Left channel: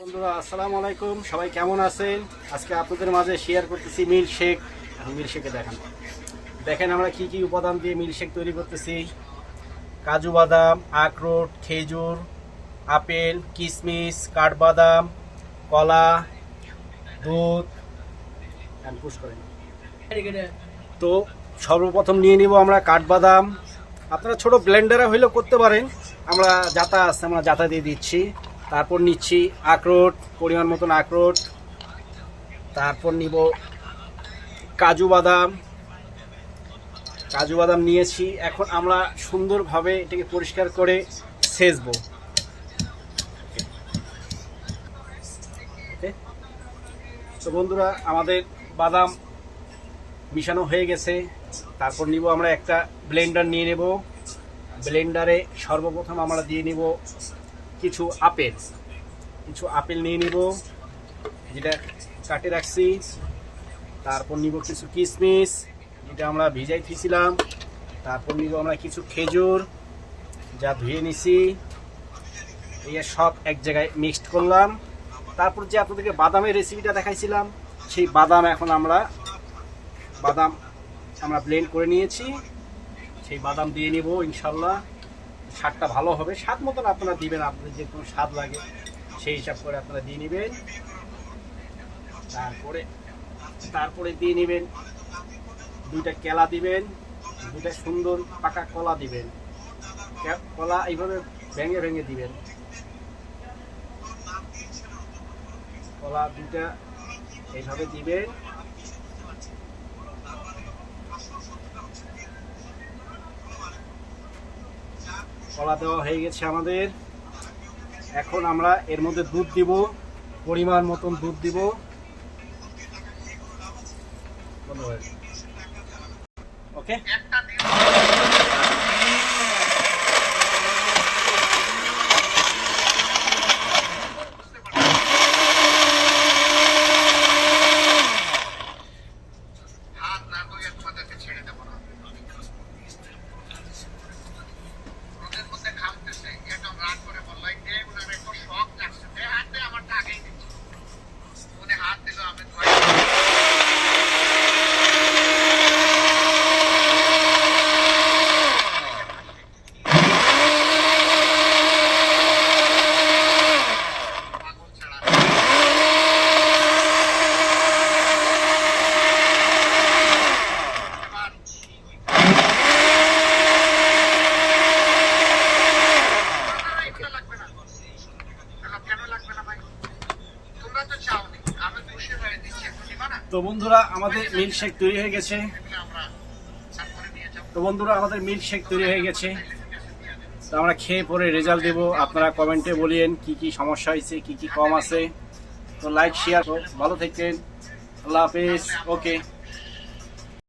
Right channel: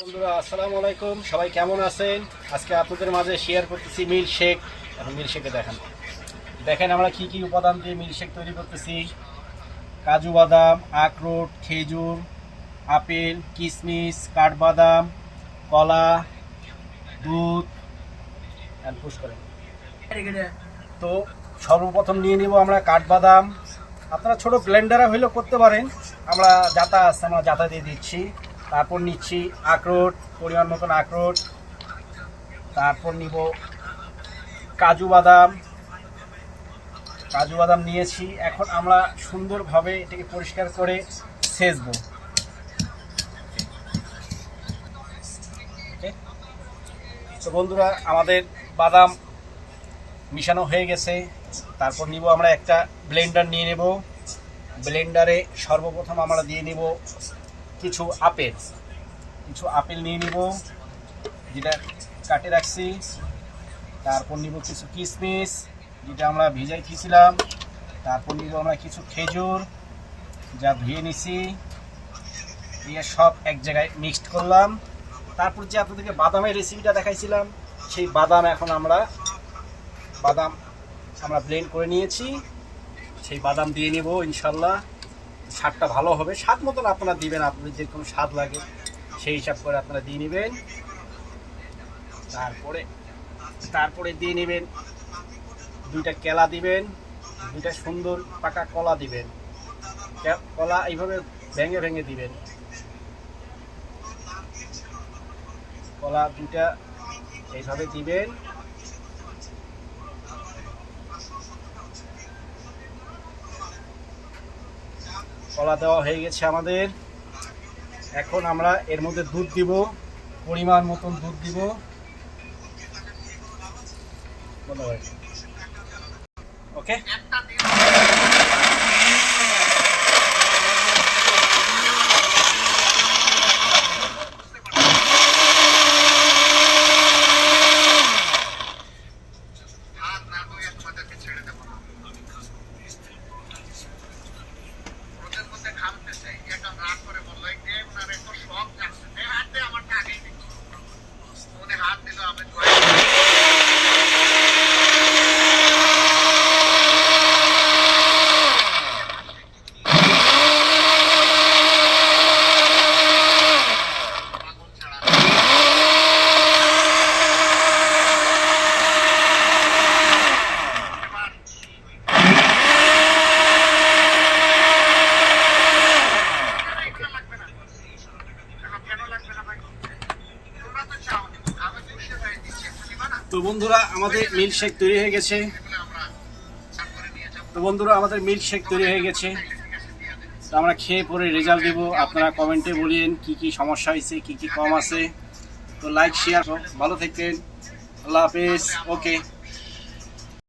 বন্ধুরা আসসালামু আলাইকুম, সবাই কেমন আছেন? আজকে আপনাদের মাঝে শেয়ার করতেছি মিল্কশেক। এখন মিল্কশেকে দেখেন আমরা কি কি উপাদান দিয়ে মিল্কশেক তৈরি করতেছি। কাজু বাদাম, আখরোট, খেজুর, আপেল, কিশমিশ, কাঠবাদাম, কলা, দুধ। পুশ করেন। তো সর্বপ্রথম নিয়ে নিব আমরা কাঠবাদাম। আপনারা ছোট ব্লেন্ডারে হইলেও করতে পারেন, আমরা জাতা আছে, আমরা জাতা দিয়ে দিচ্ছি। তারপর নিচ্ছি আখরোট, পরিমাণ মতন আখরোট। তারপর নিব কাজু বাদাম নিয়েছি। এখন আমরা সুন্দরভাবে এটাকে পরিষ্কার করে ছেঁচবো। তো বন্ধুরা, আমাদের বাদাম মিশানো হয়ে গেছে। তারপর নিব আমরা একটা ব্লেন্ডার নিয়ে নেব। ব্লেন্ডারে সর্বপ্রথম আমরা দিয়ে নিব কিছু আপেল নিয়ে নিব, যেটা কাটে রাখছি। তারপর নিব কিছু কিশমিশ, যেটা আমরা ভিজাই দিয়েছিলাম। তারপর নিব আমরা কিছু খেজুর, যা ধুয়ে নিছি। এই সব এক জায়গায় মিক্সড করলাম। তারপর যে আপনাদেরকে বাদামের রেসিপিটা দেখাইছিলাম, সেই বাদাম এখন আমরা ব্লেন্ড করে নিয়েছি। সেই বাদাম দিয়ে নিব। ইনশাল্লাহ স্বাদটা ভালো হবে। স্বাদ মতন আপনারা দিবেন, আপনাদের যেরকম স্বাদ লাগে সেই হিসাব করে আপনারা দিয়ে নেবেন। তারপরে দিয়ে নেবেন দুইটা কেলা দিবেন, দুইটা সুন্দর পাকা কলা দিবেন। কলা এইভাবে ভেঙে ভেঙে দিবেন। কলা দুইটা এইভাবে দিবেন। কলা দেওয়া হয়ে গেছে আমাদের। এখন আমরা এর মধ্যে দুধ দিব, পরিমাণ মতন দুধ দিব। ওকে, তো বন্ধুরা আমাদের মিল্কশেক তৈরি হয়ে গেছে। তো আমরা খেয়ে পরে রেজাল্ট দেব। আপনারা কমেন্টে বলিয়েন কি কি সমস্যা হয়েছে, কি কি কম আছে। তো লাইক শেয়ার, ভালো থাকেন। আল্লাহ হাফেজ। ওকে।